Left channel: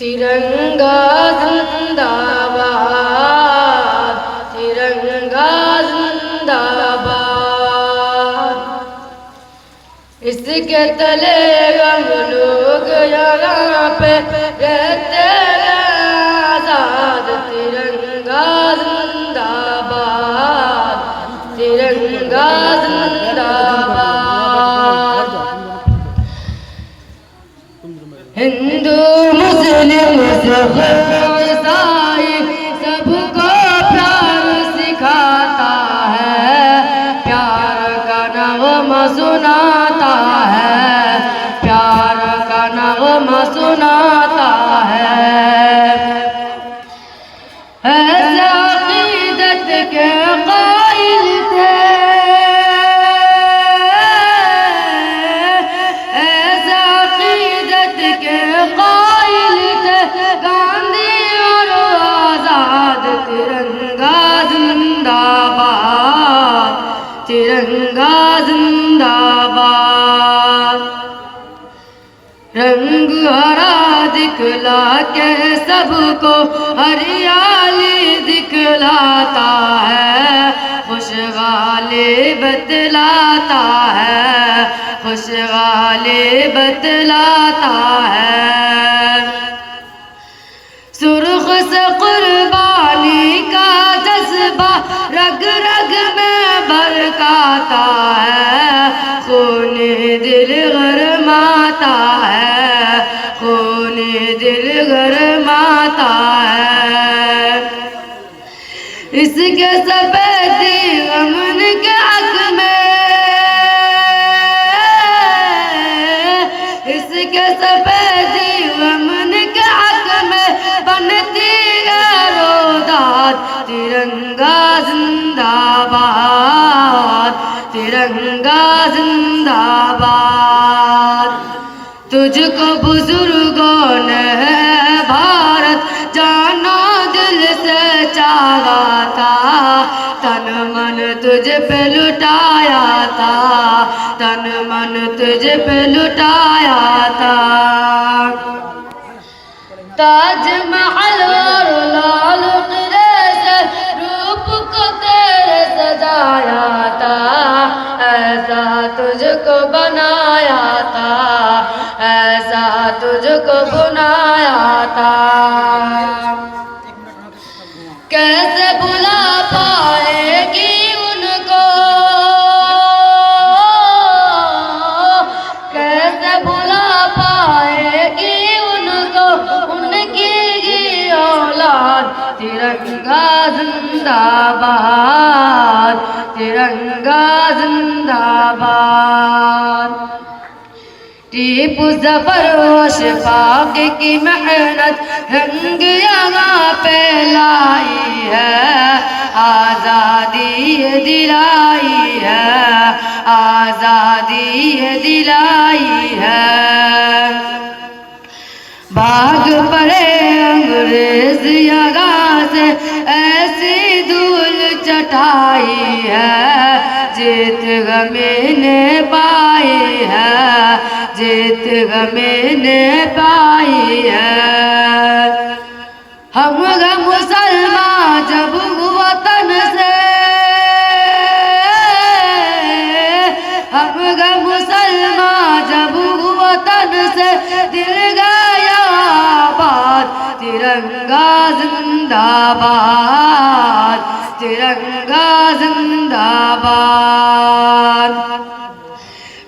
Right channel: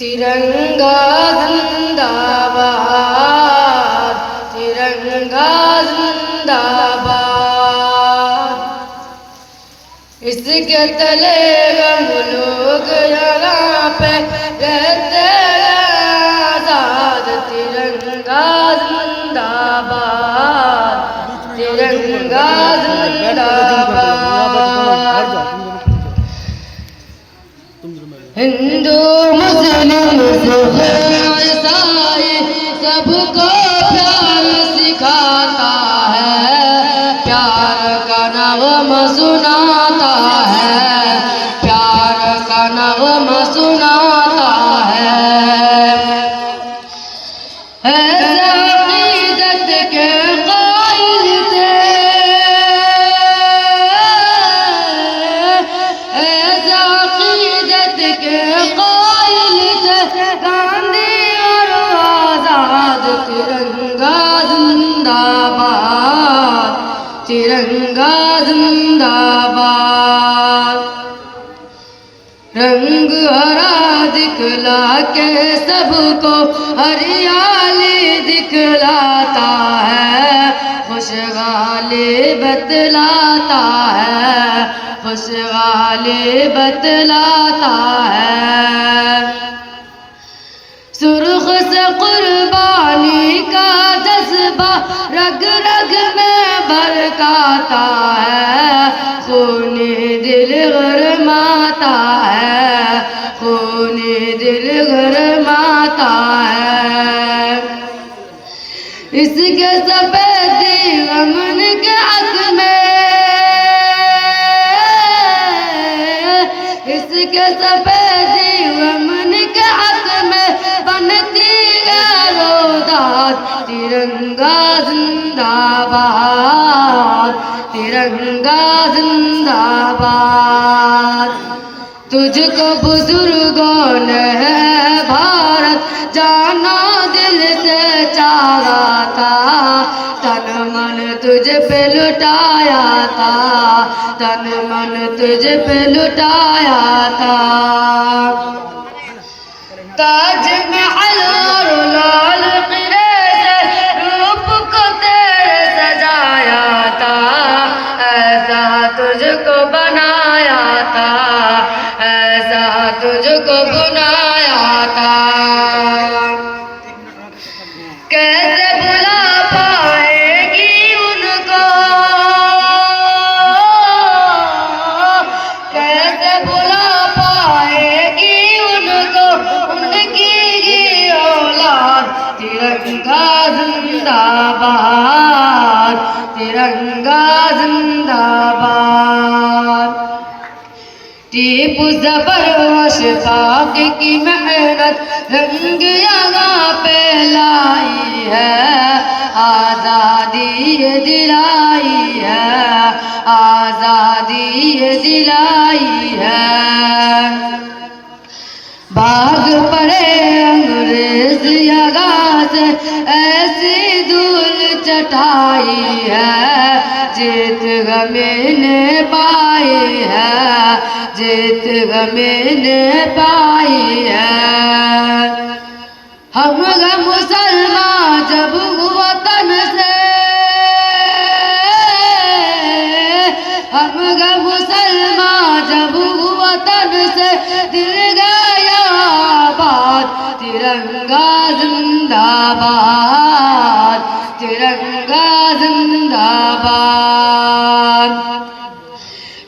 तिरंगा जिंदाबाद, तिरंगा जिंदाबाद। इसके तले हम लोग यहाँ पे रहते हैं आजाद। तिरंगा जिंदाबाद, तिरंगा जिंदाबाद। हिंदू मुस्लिम सिख ईसाई सबको प्यार सिखाता है, प्यार का नगमा सुनाता है, प्यार का नगमा सुनाता है। ऐसे अक़ीदत के क़ाइल थे, ऐसे अक़ीदत के क़ाइल थे गांधी और आज़ाद। तिरंगा जिंदाबाद, तिरंगा जिंदाबाद। रंग हरा दिखला के सबको हरियाली दिखलाता है, खुशहाली बतलाता है, खुशहाली बतलाता है। सुर्ख से कुर्बानी का जज्बा रग रग में बरकाता है, खूने दिल गरमाता है, खूने दिल गरमाता है। इसके सफेदी अमन के हक में, इसके सफेदी अमन के हक में बनती है रोदात। तिरंगा जिंदाबाद, तिरंगा जिंदाबाद। तुझको बुजुर्गों ने भारत जानो दिल से चाहा था, तन मन तुझ पे लुटाया था, तन मन तुझ पे लुटाया था। ताजमहल और लाल किले से रूप को तेरे सजाया था, ऐसा तुझको बनाया था, ऐसा तुझको बनाया था। कैसे भुला पाएगी उनको, कैसे भुला पाएगी उनको उनकी ये औलाद। तिरंगा जिंदाबाद, तिरंगा जिंदाबाद। टीपू ज़फ़र अशफाक़ की मेहनत रंग यहाँ पे लाई है, आज़ादी दिलाई है, आज़ादी दिलाई है। भाग पड़े अंग्रेज यहाँ से ऐसी धूल चटाई है, जीत मैंने पाई है, जीत मैंने पाई है। हम मुसलमान जब वतन से, हम मुसलमान जब वतन से दिल गया आबाद। तिरंगा जिंदाबाद, तिरंगा जिंदाबाद।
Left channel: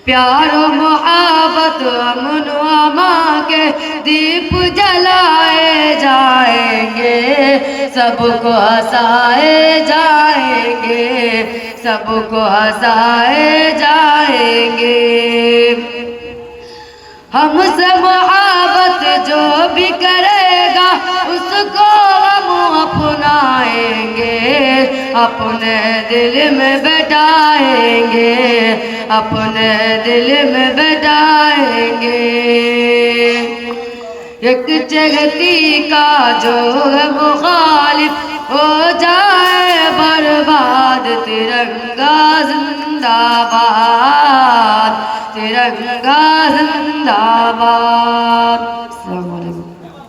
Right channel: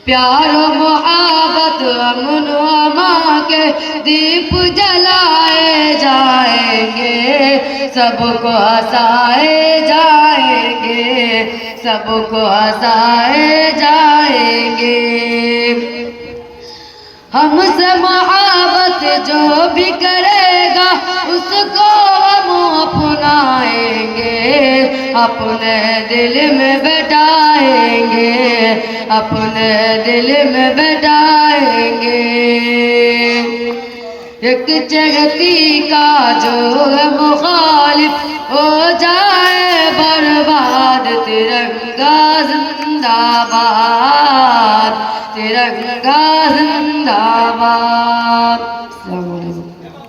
प्यार मोहब्बत अमन अमान के दीप जलाए जाएंगे, सबको हंसाए जाएंगे, सबको हंसाए जाएंगे। हमसे मोहब्बत जो भी करेगा उसको हम अपनाएंगे, अपने दिल में बैठाएंगे, अपने दिल में बैठाएंगे। एक जगती का जो मुखालिफ हो जाए बर्बाद, तिरंगा जिंदाबाद, तिरंगा जिंदाबाद